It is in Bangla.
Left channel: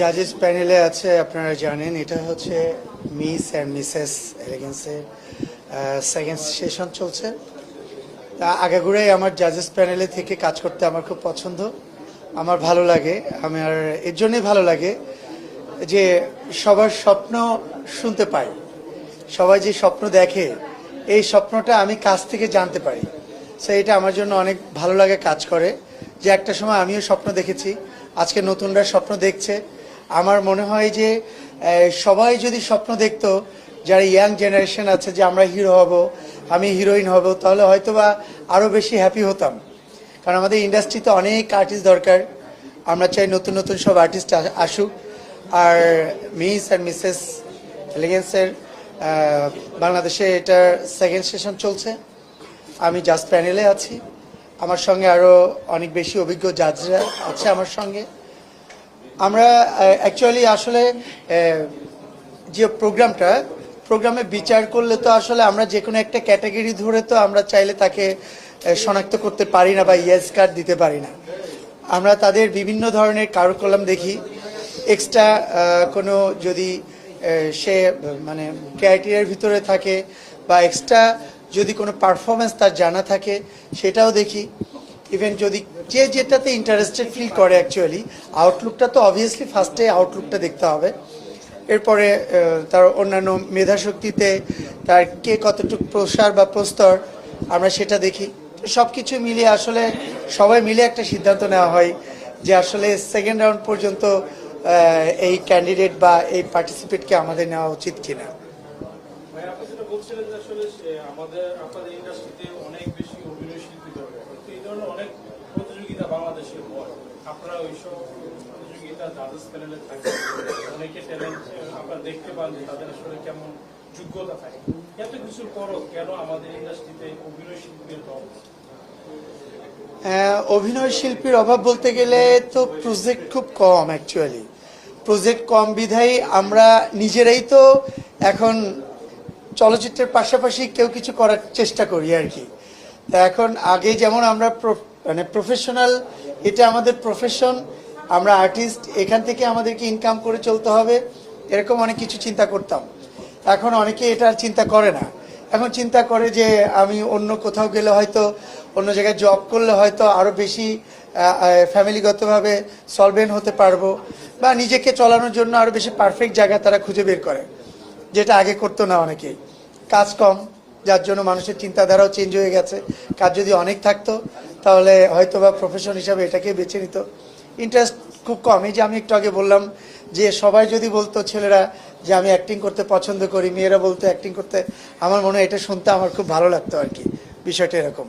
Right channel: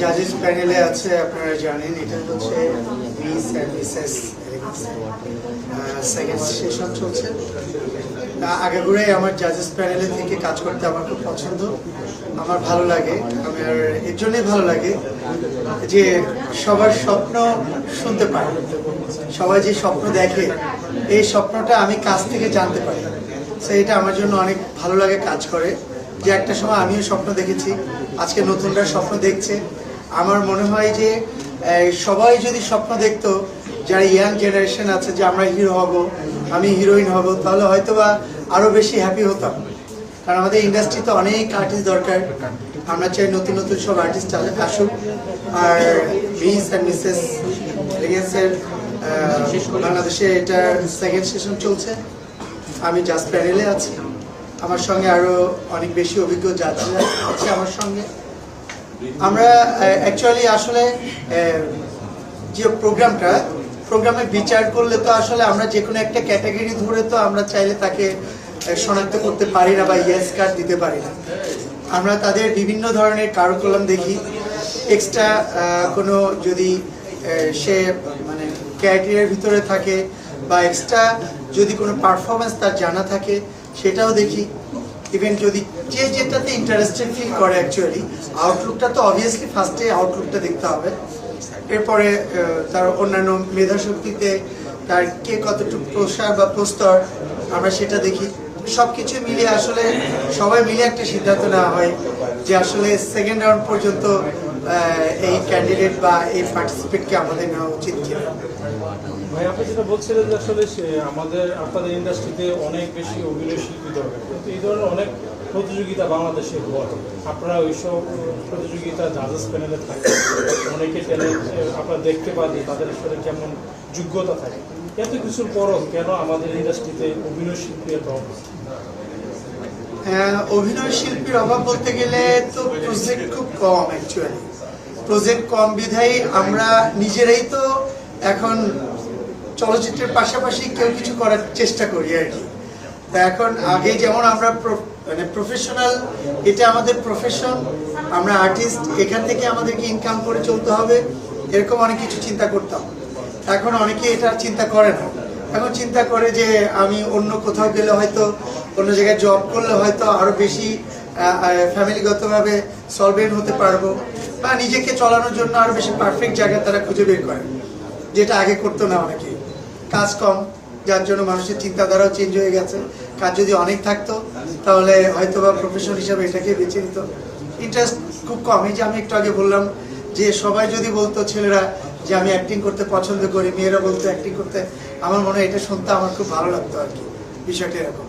জাজেস প্যানেলে আছে, আপনারা জানেন এটা হচ্ছে মিস অ্যান্ড মিসেস এলিগেন্সের সেকেন্ড সেশন চলছে। আগাগোড়ে আমার জাজেস প্যানেলে থেকে কাজ করতে আমার খুব পছন্দ, আমার ভালো লাগে। আমার এর জন্যই ভালো লাগে যে সবার স্বপ্ন শুনতে পাই, সবাই যে স্বপ্ন দেখে এই স্বপ্নটা আমি কাছ থেকে জানতে পারি। সো এটা আমার জন্য অনেক ভালো লাগে কাজ করে, যে একটা সময় আমিও স্বপ্ন দেখেছি, আজকে নতুনরা স্বপ্ন দেখছে। আমার মনে হয় যে সবাই যদি স্বপ্ন দেখতো, যারা ইয়াং জেনারেশন আছে যে আমরা হিরো হব, আমি হিরোইন হব, তাহলে হয়তো বা আরও বেশি হ্যাপি হতাম। কারণ আমাদের ইন্ডাস্ট্রিতে অনেক আর্টিস্ট দরকার, আমরা চাই নতুন নতুন সব আর্টিস্ট আসুক। আর মিস অ্যান্ড মিসেস এলিগেন্সের বাংলাদেশে এটা সেকেন্ড সেশন চলছে, আমি জাজ প্যানেলে আছি। আমার সঙ্গে আরও অনেক বেশি অভিজ্ঞ জাজরা আছে আমার সঙ্গে। আমরা অ্যাকচুয়ালি আসলে যে প্রোগ্রামে বিচার করলে তো আসলে আমরা যে কোনো একটা ক্যাটাগরি ধরে তো আমরা চাইলে তাকে শনাক্ত করতে পারি না বা ইয়েস কার্ড দিতে পারি না। আমরা তাদের বিভিন্ন ধরনের কারুকলাম দেখি, এক্সট্রা কোনো যদি সে মানে ক্রাইটেরিয়ার ভিতরে থাকে বা এক্সট্রা যদি কোনো পারফরমেন্স তার জানা থাকে সেটাও দেখি। ইভেন যদি যে যেটাতে ইন্টারেস্টেড ফিল করে, অ্যাকচুয়ালি আউটলুকটা তো অবভিয়াসলি ফার্স্টে আউটলুকটা দেখতে হবে, এরপরে তার অন্যান্য মেধাশক্তিতে তার কে কতটুকু প্রসার বা প্রস্তর আমরা সেটা দেখি। সব কিছু মিলিয়ে আসলে সবাই মিলে একটা সিদ্ধান্ত নেওয়া হয় যে আসলে সেকেন্ড রাউন্ড পর্যন্ত এই ক্যান্ডিডেট বা এই পার্টিসিপেটকে আমাদের নেওয়া উচিত কিনা। ভাই, আপনি যেটা বলছিলেন যে আসলে আপনাদের ইন্ডাস্ট্রিতে অনেক বেশি অভিনয় শিল্পী দরকার, কিন্তু এই ধরনের অনেক প্রতিযোগিতা বাংলাদেশে হয়। আপনারা ওইসব প্রতিযোগিতা জাজেস প্যানেলে থাকে, অনেকে ট্যালেন্ট আপনারা দেখতে পান, তাদের আসলে যেমন যোগ্যতা থাকে, এত কিছুর পরও কেন আমাদের ইন্ডাস্ট্রিতে অভিনয় শিল্পী এত অভাব? অভিনয় শিল্পীর অভাব বলতে গেলে তো প্রজেক্ট খুব কম, অ্যাকচুয়ালি প্রজেক্ট কম বিধায় আমরা নিজেরাই তো এখন চলচ্চিত্রের পাশাপাশি কেউ কিছু করার চেষ্টা করি আর কি। তা এখন আগে যেমন আমরা মানে প্রফেশনাল, এটা আমাদের প্রফেশন, আমরা আর্টিস্ট, এখান থেকে আমাদেরকে ইনকাম করে চলতে হবে, এরকম অনেক কিছু চিন্তা করতাম। এখন অনেকে এটা চিন্তা করে না, এখন চিন্তা করে যে আমি অন্য কোথাও গেলে হয়তো, অন্য জায়গায় জব করলে হয়তো আরও বেশি ফ্যামিলিগতভাবে সলভেন্ট হতে পারবো, বা নিজেকে চালানোর জন্য আরও বেশি পারফেক্ট জায়গা তারা খুঁজে বের করে, যেটা আগে করতো না অনেকে। কাজ কম, যার জন্য মানুষের চিন্তাধারাও চেঞ্জ হয়ে গেছে। কাজ যদি অনেক থাকতো তাহলে হয়তো বা প্রফেশন হিসাবে এটাকে বেছে নিত। ইন্টারেস্ট খুব কম। এই যে আমি একটু আগে বললাম যে সবাই যদি বলতো, ছেলেরা যে আমি অ্যাক্টিং করতে পছন্দ করি, মেয়েরা বলতো অ্যাক্টিং করতে, আমার মনে হয় এটা শুনতে আমার খুব ভালো লাগতো আর কি, বিষয়টা এরকম।